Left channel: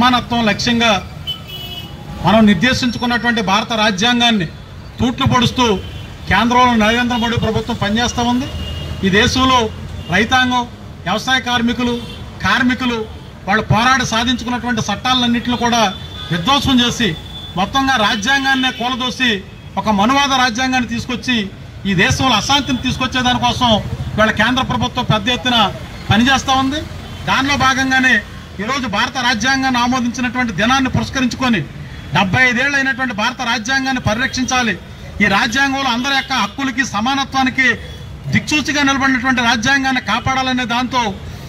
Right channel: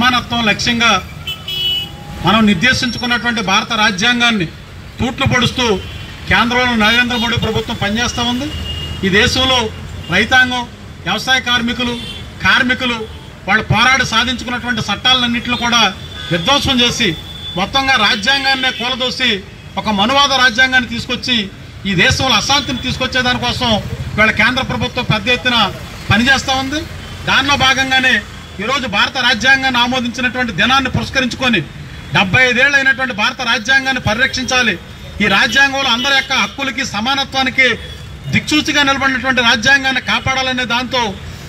సమానత్వం లక్ష్యంగా మనం నిర్దేశించుకున్నటువంటి భారత రాజ్యాంగాన్ని తూట్లు పొడుస్తూ కేంద్రంలో నరేంద్ర మోడీ ప్రభుత్వం పనిచేస్తూ ఉంది. ఈ దేశంలో రైతాంగం, వ్యవసాయ కార్మికులు వాళ్ళు పోరాడి సాధించుకున్నటువంటి చట్టాలన్నింటినీ కూడా విధ్వంసం చేసి మొత్తంగా రాజ్యాంగాన్నే కూలదోసి ఒక మనువాద రాజ్యాంగాన్ని తీసుకొచ్చి ఈ దేశంలో అశాంతిని తీసుకొచ్చే దానికోసం ఇవాళ కేంద్ర ప్రభుత్వం పెద్ద ఎత్తున పనిచేస్తూ ఉంది. దానిలో భాగంగానే ఈరోజు భారత రాజ్యాంగాన్ని ఆమోదించినటువంటి దినాన్ని పురస్కరించుకొని 75 ఏళ్ళు అయినటువంటి భారత రాజ్యాంగాన్ని పరిరక్షించాలి. ఈ రాజ్యాంగంలో అందరి యొక్క హక్కులకి సమానత్వానికి దిక్సూచిగా నిలబడినటువంటి రాజ్యాంగాన్ని కాపాడాలనే దాంతో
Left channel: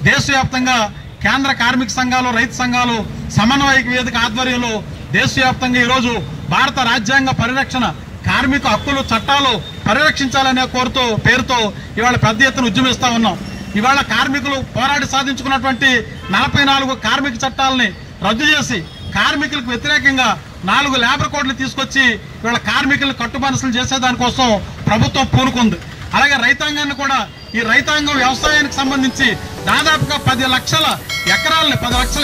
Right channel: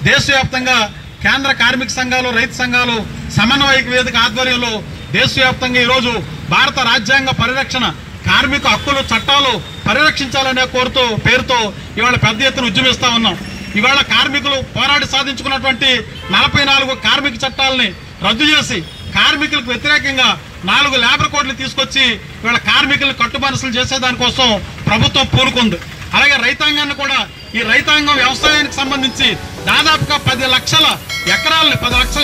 దేశవ్యాప్తంగా కేంద్ర కార్మిక సంఘాలు, రైతు సంఘాలు సమన్వయ వేదిక ఆధ్వర్యంలో దేశవ్యాప్తంగా ఈరోజు భారత రాజ్యాంగ పరిరక్షణ, కార్మిక హక్కులు, చట్టాలు పరిరక్షించాలనే పేరుతో ఇవాళ పెద్ద ఎత్తున ఉద్యమిస్తా ఉన్నాం. ఇవాళ కార్మికులు పోరాడి సాధించుకున్నటువంటి 44 కార్మిక చట్టాలని రద్దు చేసి కార్మికులకు వ్యతిరేకంగా 4 లేబర్ కోడ్లు తీసుకొచ్చి ఇవాళ కార్మికులను కట్టుబానిసలు చేసేదానికోసం ప్రభుత్వం పూనుకుంది. అలాగే రైతాంగాన్ని కూడా, ఈ రైతాంగం వ్యవసాయానికి సంబంధించి దాదాపుగా 10 లక్షల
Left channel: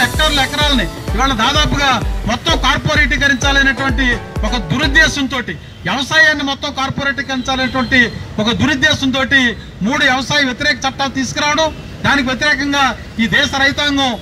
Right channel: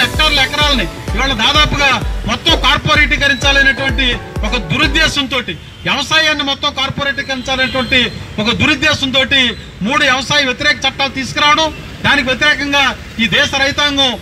హెక్టార్ల ఇవాళ దాదాపుగా మొత్తం కార్పొరేటీకరించాలనేటువంటి ఒక దురుద్దేశంతో, వ్యవసాయాన్ని మొత్తం కార్పొరేటీకరించాలనేటువంటి ఒక దురుద్దేశంతో 3 వ్యవసాయ వ్యతిరేక చట్టాలు తీసుకురావడం, దానికి వ్యతిరేకంగా ఈ దేశ రైతాంగం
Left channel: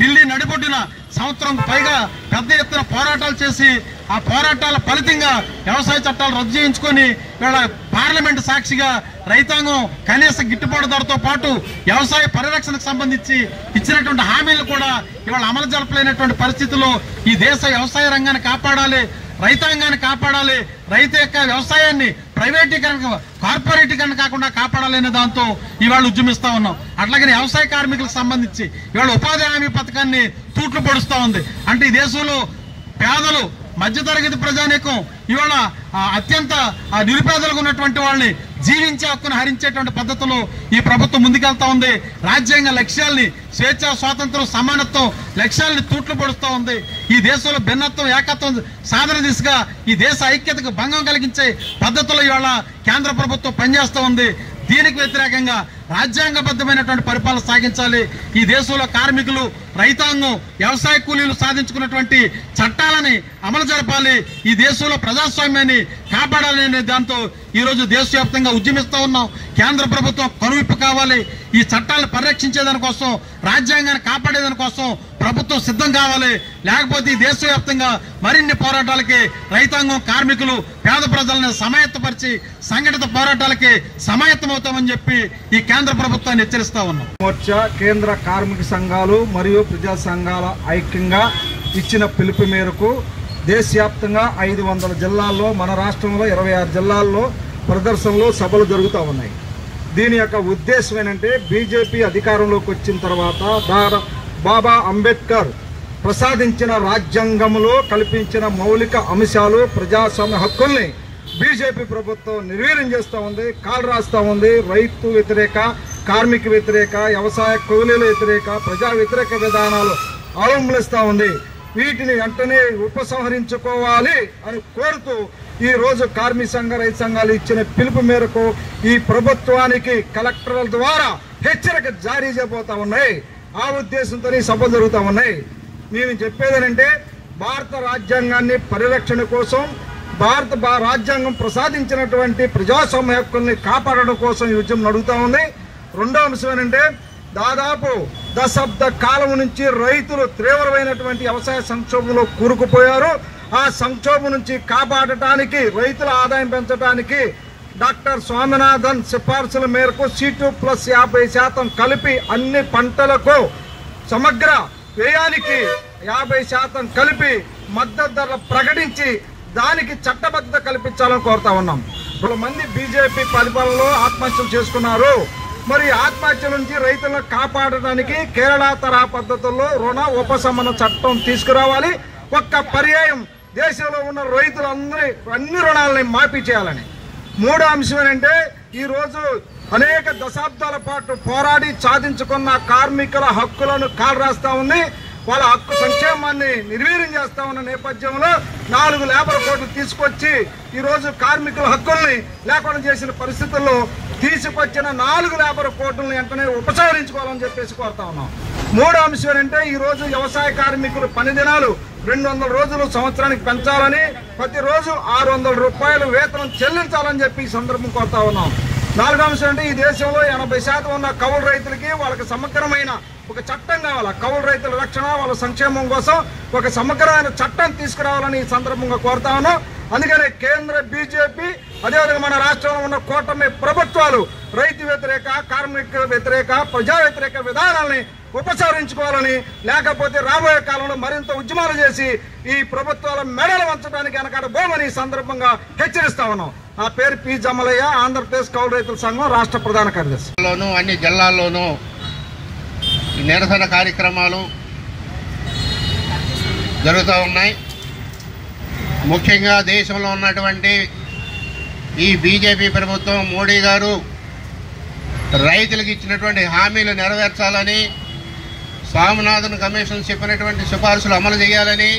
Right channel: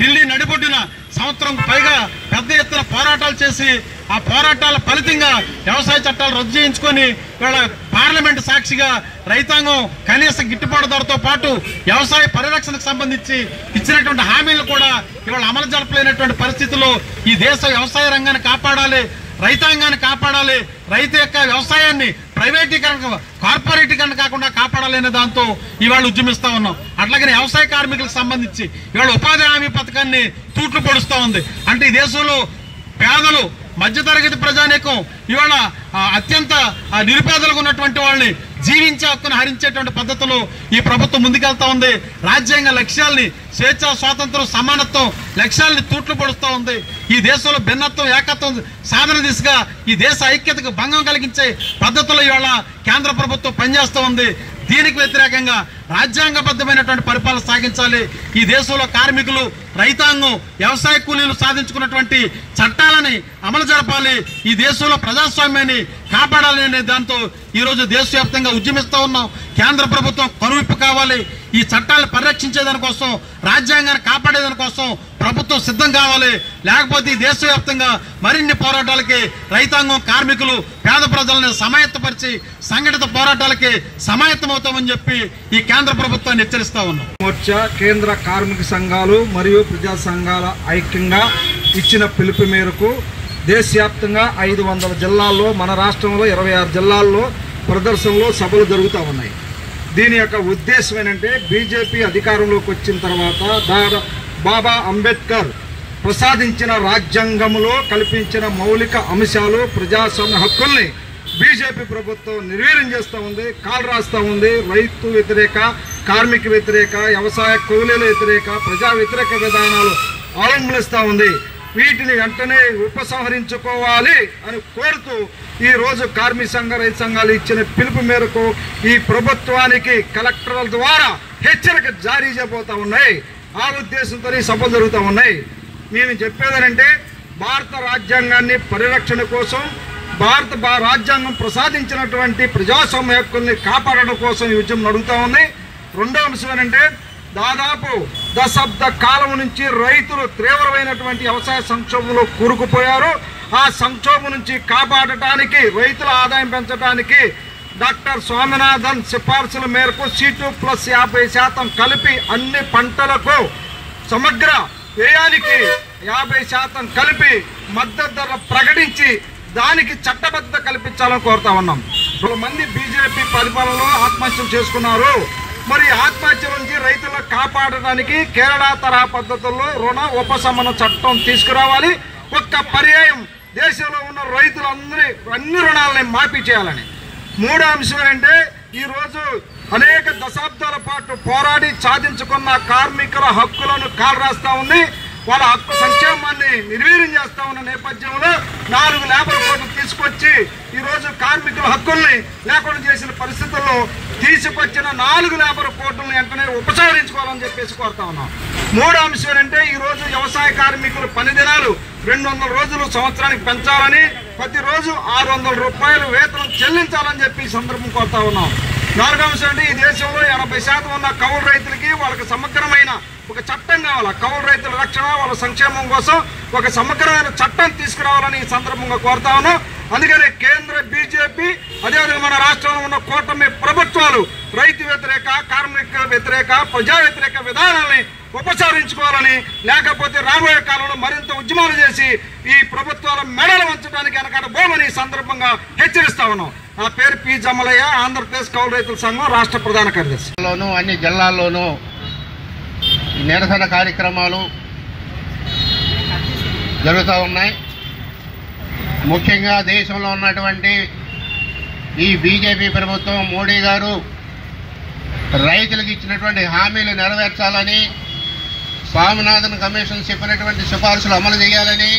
ఢిల్లీ నడిబొడ్డున సంవత్సరం పైగా పెద్ద ఎత్తున పోరాటాలు చేసి ఆ పోరాటాల ఫలితంగా వ్యవసాయ చట్టాలు రద్దు చేయించుకొని ఇవాళ పార్లమెంటు సాక్షిగా రైతాంగం కనీస గిట్టుబాటు ధరతో పాటు వ్యవసాయ పరిరక్షణకు సంబంధించి ఇచ్చినటువంటి హామీలు కూడా ఇవాళ అమలు జరపలేనటువంటి పరిస్థితుల్లో ఈ దేశ వ్యవసాయ రంగాన్ని కాపాడాలి, రైతాంగాన్ని కాపాడాలి, రైతు యొక్క వ్యవసాయాన్ని ప్రైవేటీకరణ, కార్పొరేటీకరణ కాకుండా కాపాడాలనే దాంతో ఇవాళ ఉద్యమిస్తా ఉన్నాం. అట్లాగే వ్యవసాయ కార్మికులకు సంబంధించి ఇవాళ ఉపాధి హామీ పథకాన్ని తూట్లు పొడుస్తూ ఉంది. అంటే ఈ దేశంలో పేదలు, మధ్యతరగతి ప్రజానీకం ఇవాళ అత్యంత నిరుపేదలుగా ఉన్నటువంటి వాళ్ళని జీవించే హక్కును హరించేటువంటి పద్ధతిలో ఈ ప్రభుత్వం ముందుకెళ్తా ఉంది. రాజ్యాంగ లక్ష్యాల్ని, స్వేచ్ఛ, స్వాతంత్రం, సమానత్వం లక్ష్యాల్ని తూట్లు పొడుస్తూ ఉంది. ఈ దేశంలో భిన్నత్వం, ఏకత్వం సాధన దిశగా ఈ దేశ ఐక్యతకు భంగం కలిగించే పద్ధతిలో ఇవాళ కేంద్ర ప్రభుత్వం పనిచేస్తూ ఉంది. దీనికి వ్యతిరేకంగా రాజ్యాంగబద్ధమైనటువంటి పరిపాలన సాగించాలి. ఈ దేశంలో కార్మికులు, రైతాంగం, వ్యవసాయ కూలీలు సాధించుకున్నటువంటి చట్టాలని అమలు జరపాలి. ఈ దేశంలో ప్రజాస్వామ్యాన్ని కాపాడాలనే దాంతో ఈరోజు దేశవ్యాప్తంగా ఉద్యమిస్తూ ఉన్నాం. కేంద్ర ప్రభుత్వం కనువిప్పు కావాలి. ఈ చట్టాలను పరిరక్షించేదానికోసం, రాజ్యాంగాన్ని కాపాడేదానికోసం ప్రభుత్వం సిద్ధం కావాలి. లేకపోతే ఈ దేశవ్యాప్తంగా మరిన్ని పోరాటాలకి రైతాంగం, కార్మికులు, పేద ప్రజలను సమాయత్తపరిచి సంఘటిత పోరాటాలకి సమాయత్తమవుతామని చెప్పి ఈ కేంద్ర ప్రభుత్వాన్ని హెచ్చరిస్తా ఉన్నాం. మోర్చా, కేంద్ర కార్మిక సంఘాలు మరియు ప్రజా సంఘాల ఐక్యంగా ఇచ్చిన పిలుపు మేరకు దేశవ్యాప్తంగా 500 జిల్లాల్లో, మన రాష్ట్రంలో 26 జిల్లాల్లో ప్రదర్శనలు, సభలు జరుగుతూ ఉన్నాయి. దీని యొక్క ఉద్దేశం ఏంటంటే బీజేపీ అధికారంలోకి వచ్చిన తర్వాత బాబా అంబేద్కర్ ప్రసాదించిన రాజ్యాంగంలో కల్పించిన మౌలిక అంశాలు, ప్రజాస్వామ్య హక్కుల్ని బీజేపీ ప్రభుత్వం నిర్వీర్యం చేస్తూ ఉంది, కాలు రాస్తూ ఉంది. రైతు వ్యతిరేక, కార్మిక వ్యతిరేక, వ్యవసాయ కూలీల వ్యతిరేక, ప్రజా వ్యతిరేక విధానాలు అవలంబిస్తూ ఉంది. వీటిని వెంటనే ఉపసంహరించుకోవాలి అని కోరుతూ ఈరోజు కార్మిక సంఘ, రైతు సంఘాలు ఇచ్చిన పిలుపు మేరకు ఈ ప్రభుత్వానికి కలెక్టర్ల ద్వారా హెచ్చరిక జారీ చేయబోతా ఉన్నాయి. ఆ ఉద్దేశంతో సభలు జరుగుతూ ఉన్నాయి. మేము చెప్పేదేనంటే భారత రాజ్యాంగాన్ని పరిరక్షణ కోసం, భారత రాజ్యాంగం ప్రసాదించినటువంటి ప్రజాస్వామ్య హక్కుల్ని కాపాడడం కోసం ఈ ఉద్యమం నడుగుతూ ఉంది. రెండో అంశం ఏంటంటే దాదాపు దశాబ్ద కాలం నుంచి రైతులు తీవ్రమైనటువంటి వ్యవసాయ సంక్షోభంలో కూరుకుపోయారు. ఆ సంక్షోభం నుంచి కాపాడటానికి, రైతుల ఆదాయం పెంచడానికి డాక్టర్ స్వామినాథన్ సిఫార్సుల మేరకు C2+50% కలిపి అన్ని పంటలకు సమగ్ర వ్యయానికి 50% కలిపి మద్దతు ధర ప్రకటించి దానికి చట్టబద్ధత కల్పించాలని కోరుతా ఉన్నాం. 2 మంది బీజేపీ పరిపాలనలో ఆత్మహత్యలు చేసుకున్నారు. మరి ఆత్మహత్య నుంచి రైతులను కాపాడడానికి కేరళ తరహా పద్ధతుల్లో రుణ ఉపశమన చట్టం తీసుకురావాలి. ఒక్క పర్యాయం దేశంలో ఉన్న రైతులందరి అన్ని రుణాలని మాఫీ చేయాలని. మూడో అంశం ఏంటంటే ఈరోజు అనేక దశాబ్దాల పాటు పోరాడి సాధించుకున్న కార్మికుల హక్కులను కాలరాస్తా ఉంది. వాళ్ళ హక్కు సంక్షేమాన్ని నిర్వీర్యం చేస్తా ఉన్న నేపథ్యంలో 4 లేబర్ కోడ్లు తీసుకొచ్చి ఈరోజు కార్మికుల హక్కుల్ని లేకుండా చేసిన పరిస్థితుల్లో తీసుకొచ్చిన 4 లేబర్ కోడ్లను వెంటనే ఉపసంహరించుకోవాలని చెప్పేసి కోరుతా ఉన్నాం. మూడో అంశం ఏంటంటే ఈరోజు వ్యవసాయ కార్మికులు పని దినాలు 200 రోజులు సంవత్సరానికి పెంచాలని, ప్రతిరోజు 600 రూపాయలు వేతనం చెల్లించాలని చెప్పి ఈ సందర్భం కోరుతా ఉన్నాం. నాలుగో అంశం అంటే ఈ దేశంలో 80% ఉన్న కౌలు రైతులకి వాళ్ళకి సమగ్రమైన ఒక చట్టం కావాలి. కౌలు రైతుల రక్షణ, వాళ్ళ సంక్షేమం కోసం ఒక సమగ్రమైన చట్టం తీసుకురావాలని ఈ సందర్భంగా కోరుతా ఉన్నాం. అందుకనే కేంద్ర బీజేపీ అదేవిధంగా మన రాష్ట్రంలో ఉన్న కూటమి ప్రభుత్వాలు రైతు వ్యతిరేక, కార్మిక వ్యతిరేక, ప్రజా వ్యతిరేక విధానాలని ఉపసంహరించుకోవాలని, లేకపోతే రాబోయే కాలంలో మరింత ఉద్యమాలు చేసి ఈ ప్రభుత్వాల మెడలు వంచడానికి వెనకాడబోమని ఈ సందర్భంగా హెచ్చరిస్తా ఉన్నాం. నా పేరు పి జమలయ్య, ఆంధ్రప్రదేశ్ కౌలు రైతుల సంఘం రాష్ట్ర ప్రధాన కార్యదర్శి. అన్ని జిల్లాల్లోనూ నిరసన కార్యక్రమాలు జరుగుతూ ఉన్నాయి. ముఖ్యంగా దేశంలో ఉన్నటువంటి ఈ బీజేపీ ప్రభుత్వం, మోడీ గారు రైతులకు ఇచ్చినటువంటి హామీలు నెరవేర్చాలని, స్వామినాథన్ కమిషన్ చెప్పినటువంటి సిఫార్సులు అమలు చేయాలని,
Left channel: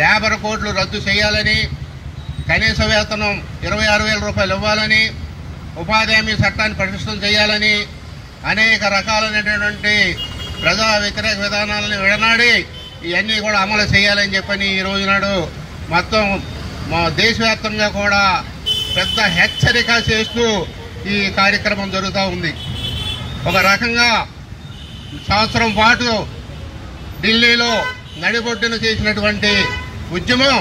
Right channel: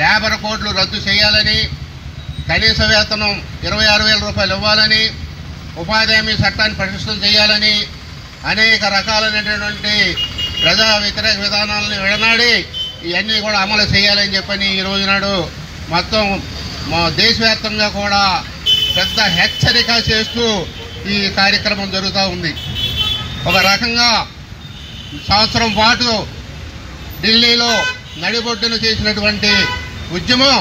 లేబర్ కోడ్లు రద్దు చేయాలని, కనీస వేతనం 26,000 రూపాయలు ఇవ్వాలని, ఉపాధి హామీ చట్టాన్ని పరిశీలన చేయాలని, అనేక రకాలైనటువంటి ప్రజా వ్యతిరేక విధానాలను విడనాడి ఇవన్నీ కూడా అమలు చేయాలని చెప్పని ఈ రోజు నాడు మొత్తం మా దేశవ్యాప్తంగా కూడా పెద్ద హెచ్చరిక చేస్తూ ఈ కార్యక్రమం జరుగుతూ ఉంది. ఒక రకంగా సంవత్సరం పాటు ఢిల్లీలో నడిబొడ్డున చేసినటువంటి ఉద్యమం,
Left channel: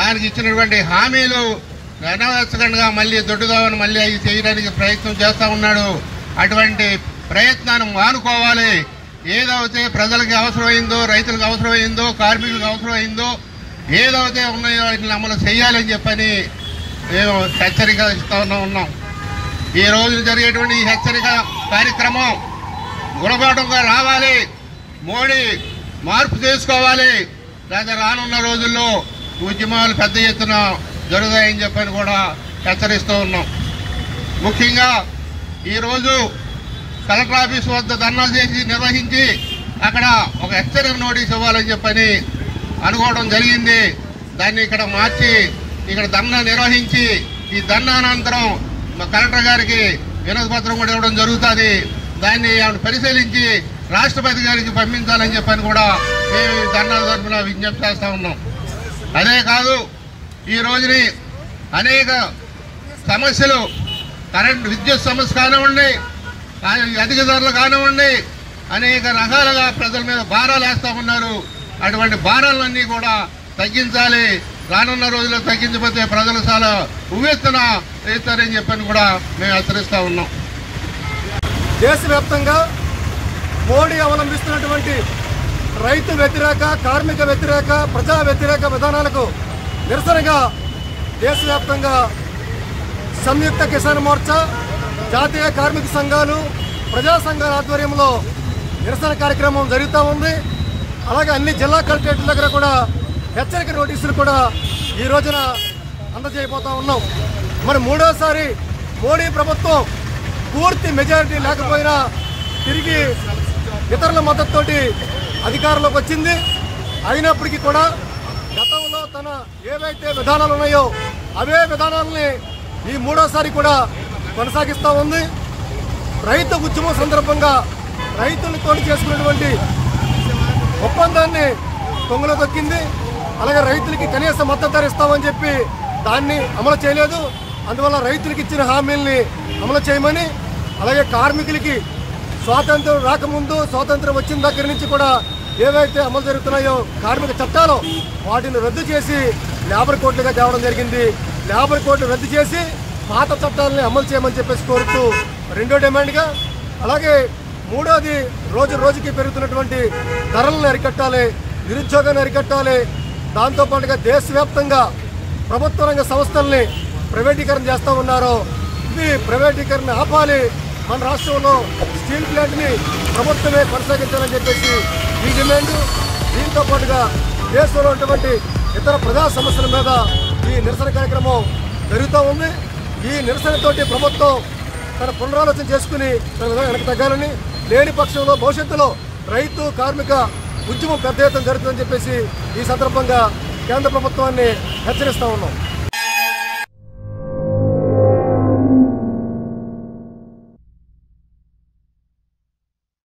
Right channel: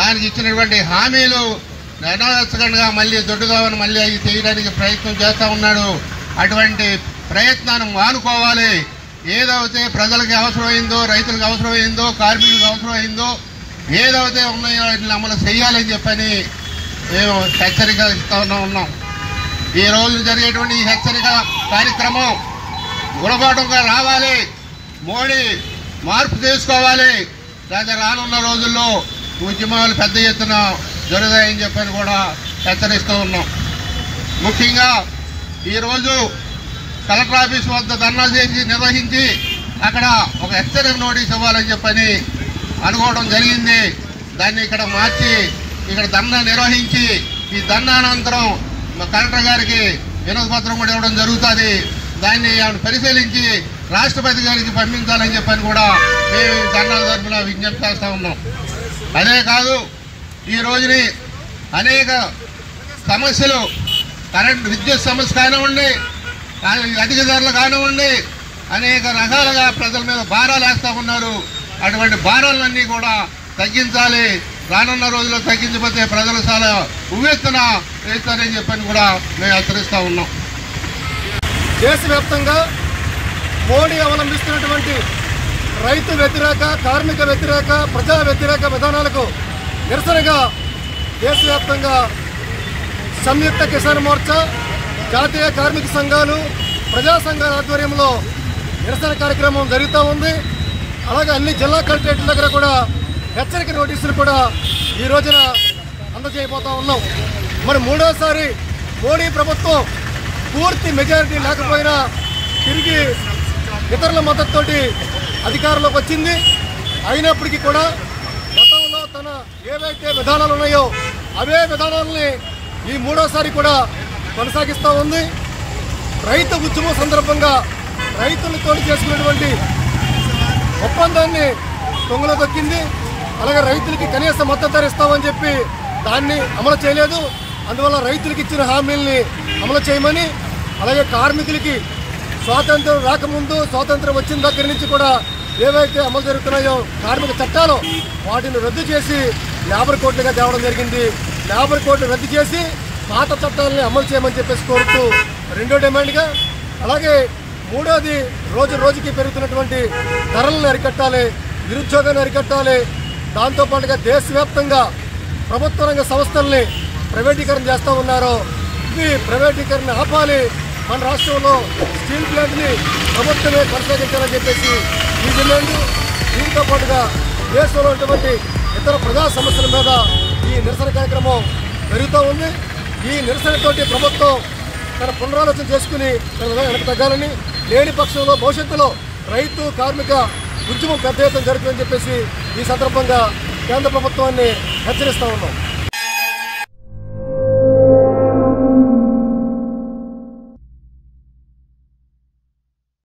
దానికి ఇచ్చినటువంటి హామీలు నెరవేర్చకుండా మళ్ళీ దొడ్డుదామని మళ్ళీ అది చేయడానికి ప్రయత్నం చేస్తూ ఉన్నాడు. అటువంటి ప్రయత్నాన్ని మానుకోవాలి. ఏదైతే ప్రజలకి అవసరమైందో, రైతులకు అవసరమైందో, కార్మికులకు అవసరమైందో, ఏదైతే ఉన్నాయో వాటిని అమలు చేయాలని చెప్పని మేము హెచ్చరిక ఇస్తూ ఉన్నాం. ఈ రోజు జరిగేటువంటి ఈ హెచ్చరిక కార్యక్రమం గుణపాఠంగా రావాలి. మోడీ మార్పు చేసుకోవాలి. లేదా రానున్న రోజుల్లో ఉద్యమాలు పెద్ద ఎత్తున జరుగుతాయని చెప్పని కూడా హెచ్చరిస్తూ ఉన్నాం. ముఖ్యంగా ఈరోజు కలెక్టర్ ఆఫీస్ వద్ద ధర్నాలు చేసి నిర్వహించి అక్కడ ఒక హెచ్చరిక నోటీస్ ఇవ్వాలని చెప్పని అనుకోవడం జరిగింది. దాన్ని ఇక్కడ మార్చి ఇక్కడ ధర్నా నిర్వహించి ఈ ధర్నా అనంతరం కలెక్టర్ గారికి వినతి పత్రం కూడా ఇవ్వడం జరుగుతుంది. దాన్ని పరిశీలించి రాష్ట్రపతి గారికి పంపించాలని చెప్పని కూడా మేము ధర్నాల తరఫున విజ్ఞప్తి చేస్తూ ఉన్నాం. అదే కాదు, ఈ రోజుని అనేక సమస్యలు, కరెంట్ విద్యుత్ సమస్య కానివ్వండి, అధిక ధరలు కానివ్వండి, అనేక రకాలుగా ప్రజల మీద భారాలు వేస్తూ ఉన్నారు. అటువంటి భారాలన్నీ కూడా తగ్గించాలి. రానున్న రోజుల్లో తగ్గించకపోతే ప్రజలు చాలా ఉవ్వెత్తున వేస్తారని చెప్పని కూడా మేము హెచ్చరిస్తూ ఉన్నాం. దేశవ్యాప్తంగా మోడీ అవలంబిస్తున్నటువంటి రైతు వ్యతిరేక, కార్మిక వ్యతిరేక, ప్రజా వ్యతిరేక విధానాలకు నిరసనగా దేశవ్యాప్తంగా సంయుక్త కిసాన్ మోర్చా, జాతీయ కార్మిక సంఘాలు, ప్రజా సంఘాల ఆధ్వర్యంలో నిరసన కార్యక్రమం జరుగుతూ ఉంది. అలాగే అన్ని జిల్లా కలెక్టరేట్ల దగ్గర కూడా హెచ్చరిక నోటీసులు కూడా ఈ రోజున అందజేయబోతా ఉన్నాం. మరి మూడోసారి మోడీ ప్రభుత్వం పూర్తి మెజారిటీ లేకపోయినా తిరిగి ఇతరుల మద్దతుతోటి అధికారంలోకి వచ్చింది. అయినప్పటికీ కూడా గతంలో తన ఏవైతే విధానాలు ఉన్నాయో అవే విధానాలని ఈ మూడోసారి కూడా కొనసాగిస్తూ ఉంది. రైతు ఉద్యమం సందర్భంగా రైతులతో చేసుకున్నటువంటి ఒప్పందాన్ని తొంగలో దొక్కింది. అలాగే రైతులకి కనీస మద్దతు ధర ఇస్తామని చెప్పి దాన్ని అమలు చేయలేదు. అందువల్ల రైతులకు ఇచ్చిన హామీల్ని అమలు చేయమని, అలాగే కార్మికులకి స్వాతంత్రం రాకముందు, స్వాతంత్రం వచ్చిన దగ్గర నుంచి కూడా ఏవైతే అమలు జరుగుతున్నాయో కార్మిక చట్టాలు వాటిని రద్దు చేసి లేబర్ కోడ్లుగా తేవడం జరిగింది. లేబర్ కోడ్లు రద్దు చేసి పాత చట్టాలని అమలు చేయమని చెప్పేసి కోరుతూ రెండో డిమాండ్గా, అలాగే మూడోది రోజు రోజుకి పెరుగుతున్నటువంటి ధరలను అరికట్టాలి, నిరుద్యోగాన్ని అరికట్టాలి. దాంతోపాటుగా దేశవ్యాప్తంగా ప్రభుత్వ రంగ సంస్థల్ని ప్రైవేటీకరణ చేస్తూ ఉన్నారు. ఇవి ప్రైవేటీకరణ ఆపాలి. మన రాష్ట్రంలో స్టీల్ ప్లాంట్ని ప్రభుత్వమే కొనసాగించాలని చెప్పేసి ఈ డిమాండ్. దీంతో పాటుగా దేశంలో ఉన్నటువంటి ఇతర ప్రజా సమస్యల మీద ఈ నిరసన కార్యక్రమం జరుగుతూ ఉంది. ఈ నిరసనతోటి ప్రభుత్వం తన పునరాలోచన చేసుకుని వెనక్కి తగ్గాలని, లేని పక్షంలో భవిష్యత్తులో రైతు, కార్మిక ఉద్యమం పెద్ద ఎత్తున జరుగుతుందని చెప్పేసి ఈ సందర్భంగా కేంద్ర ప్రభుత్వాన్ని హెచ్చరిస్తూ ఉన్నాం.